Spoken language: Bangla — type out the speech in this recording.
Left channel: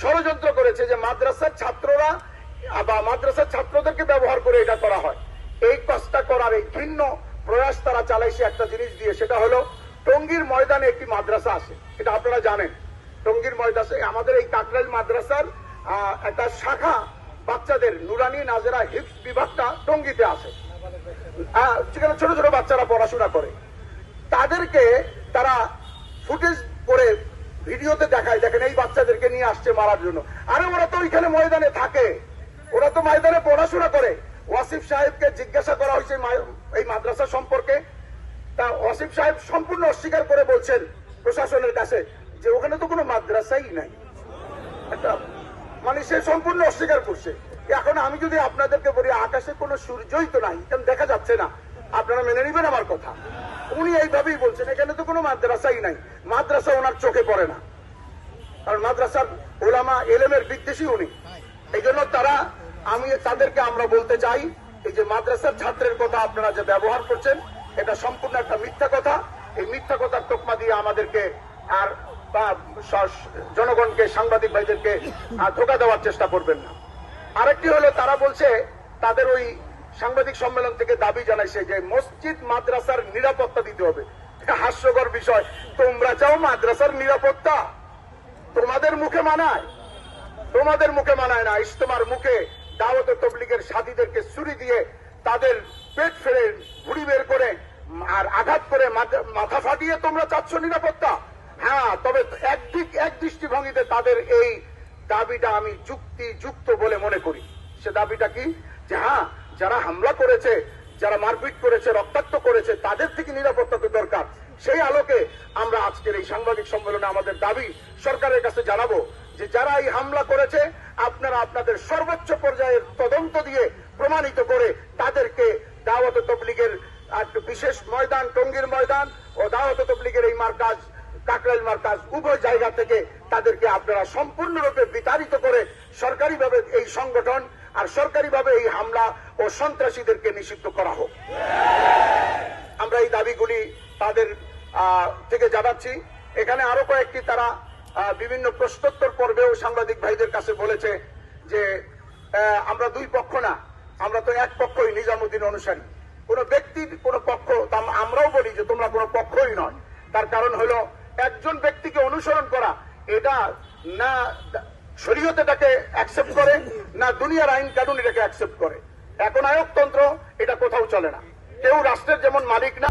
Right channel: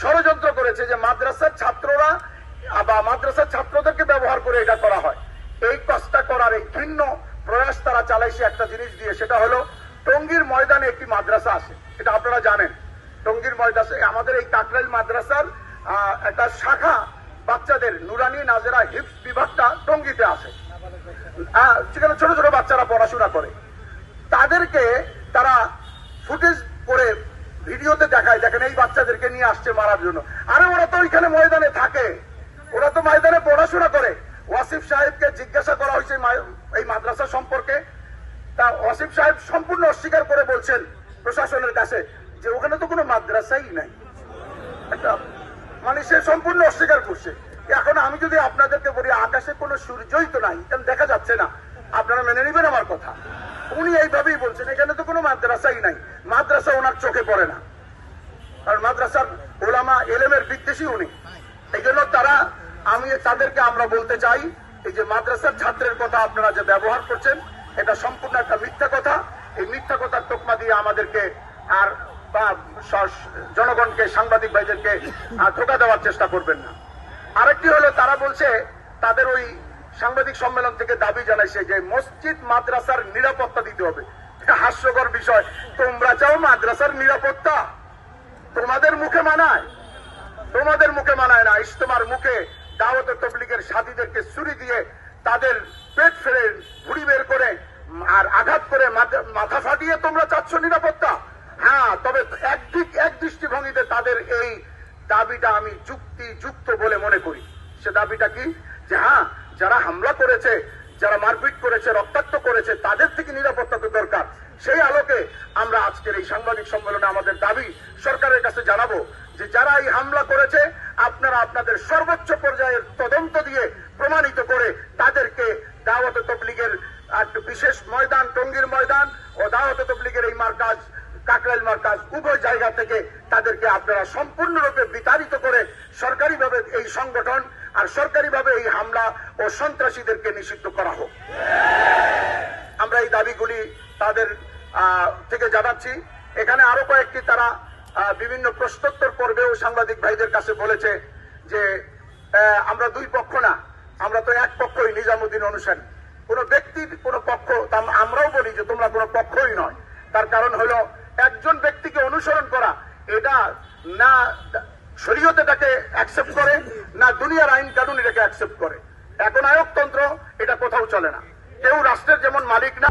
ষড়যন্ত্র করেছে যে মাদ্রাসার ছাত্ররা বা মাদ্রাসার ছাত্রদেরকে ব্যবহার করে এটা করা হয়। এই কাজটা করার এই ঘৃণ্য প্রয়াস তারা চালাইছে একটা জিনিস দিয়ে, সেটা হলো টঙ্গীর ময়দানে একটি মাদ্রাসা আছে, এটা আপনারা জানেন। টঙ্গীর ময়দানে আমাদের এই কাকরাইল মাদ্রাসার একটা শাখা বাচ্চাদের নুরানি নাজেরা হিফজ বিভাগটা টঙ্গীতে আছে, যেখানে ছোট ছোট বাচ্চারা পড়াশোনা করে। তাদেরকে তারা ফুটেজ করে ভিডিওতে দেখায়, দেখেন এই বাচ্চাদেরকে নিয়ে আসছে মারার জন্য। আরে ওরা তো ওইখানে ময়দানে থাকে, ওরা তো ময়দানে পড়াশোনা করে। ওয়াসিফ সাহেবকে জিজ্ঞাসা করা হয়েছে এই মাদ্রাসা সম্পর্কে, তা ওয়াসিফ সাহেব সম্পূর্ণ অস্বীকার করে বলছেন প্রশাসনের কাছে যে ওখানে তো কোনো মাদ্রাসাই নাই। একটা মানে সে সম্পূর্ণ অস্বীকার করছে। এখন আমি যদি আপনাদেরকে বলি আকাশে কোনো সূর্যই তো নাই, কেন দেখা যাচ্ছে না, আপনারা মেনে নেবেন আমার কথা? উনি এইভাবেই বলছেন এখানে তো কোনো মাদ্রাসাই নাই। মাদ্রাসা ওনার চোখে পড়ে না, কারণ মাদ্রাসার ওলামা এলেমের বিদ্বেষী উনি। এই জন্য তাদেরকে আমরা বলতে চাই, এই যে মাদ্রাসার ছাত্রের কথা আপনারা যে ব্যবহার করছেন, এটা সম্পূর্ণ একটা মিথ্যা কথা। এই মিথ্যা কথার তোকমা দিয়ে আমাদেরকে আর জনগণকে, সাংবাদিক ভাইদেরকে ধোঁকা দেওয়ার চেষ্টা করবেন না। আরেকটি হলো, তারা বলছে তাদের ওই সাংবাদিক সম্মেলন থেকে দাবি জানাইছে যে মসজিদ মাদ্রাসার নিরাপত্তা দিতে হবে। হাস্যকর বিষয়, তোমরা চাও মাদ্রাসার নিরাপত্তা? তোমাদের মুখে মানায়? তোমাদের মুখে মানায় না। ইজতেমার মুখে দাওয়াত তবলিগের সাথীদেরকে ছুরি দিয়ে তাদের পেট ফেলে ভুড়ি বের করে আর আঘাত করে মাথা ফাটিয়ে তোমরা চাচ্ছ নিরাপত্তা? হ্যাঁ, তবে এক দৃষ্টিভঙ্গিতে তাদের এই দাবিটা আমি যুক্তিযুক্ত বলে মনে করি। সে দাবিটা কি? যে হ্যাঁ, যারা হামলা করেছে, যারা মারপিট করেছে, রক্তাক্ত করেছে, তাদের থেকে নিরাপত্তা তো দরকার। সেই আলোকে আমরা আজকের এই সাংবাদিক সম্মেলনে আমাদের দাবি সরকারের কাছে জানাবো যে যারা এই হামলা করেছে, আপনারা আপনাদের সর্বোচ্চ পর্যায়ের তদন্ত দিয়ে প্রমাণিত করে তাদেরকে দাওয়াত তবলিগের বিশেষ ময়দান, টঙ্গীর ময়দান ও দাওয়াত তবলিগের এই মার্কাজ, কাকরাইল মার্কাজ, উভয় জায়গা থেকে তাদেরকে আপনারা সম্পূর্ণরূপে বিতাড়িত করে সরকারিভাবে এই সংগঠন আর সরকারিভাবে এই হামলা ও সন্ত্রাসীদেরকে নিষিদ্ধ করা হোক। আমরা এই দাবিগুলি তাদের থেকে জানাচ্ছি। এখানে আরো কয়েকটি তারা বিভিন্ন প্রশ্নোত্তর পর্বেও সাংবাদিক ভাইদের কাছে বলেছে যে আমরা দুই পক্ষ না, আমরা তো এক পক্ষই, নিজামুদ্দিন অনুসারী। কোন ব্যক্তির কোন পক্ষ, আমরাও বলি যে তোমরা কোন পক্ষই নয়। তার কারণ হলো একজন ব্যক্তিকে অনুসরণ করা, এটা না শরীয়ত এটাকে অ্যাকসেপ্ট করে, না দুনিয়ার আইন কানুন এটাকে অ্যাকসেপ্ট করে। এখন আয়কতন্ত্র এটা কোথাও চলে না। কেউ রাষ্ট্রের যেমন মালিক না।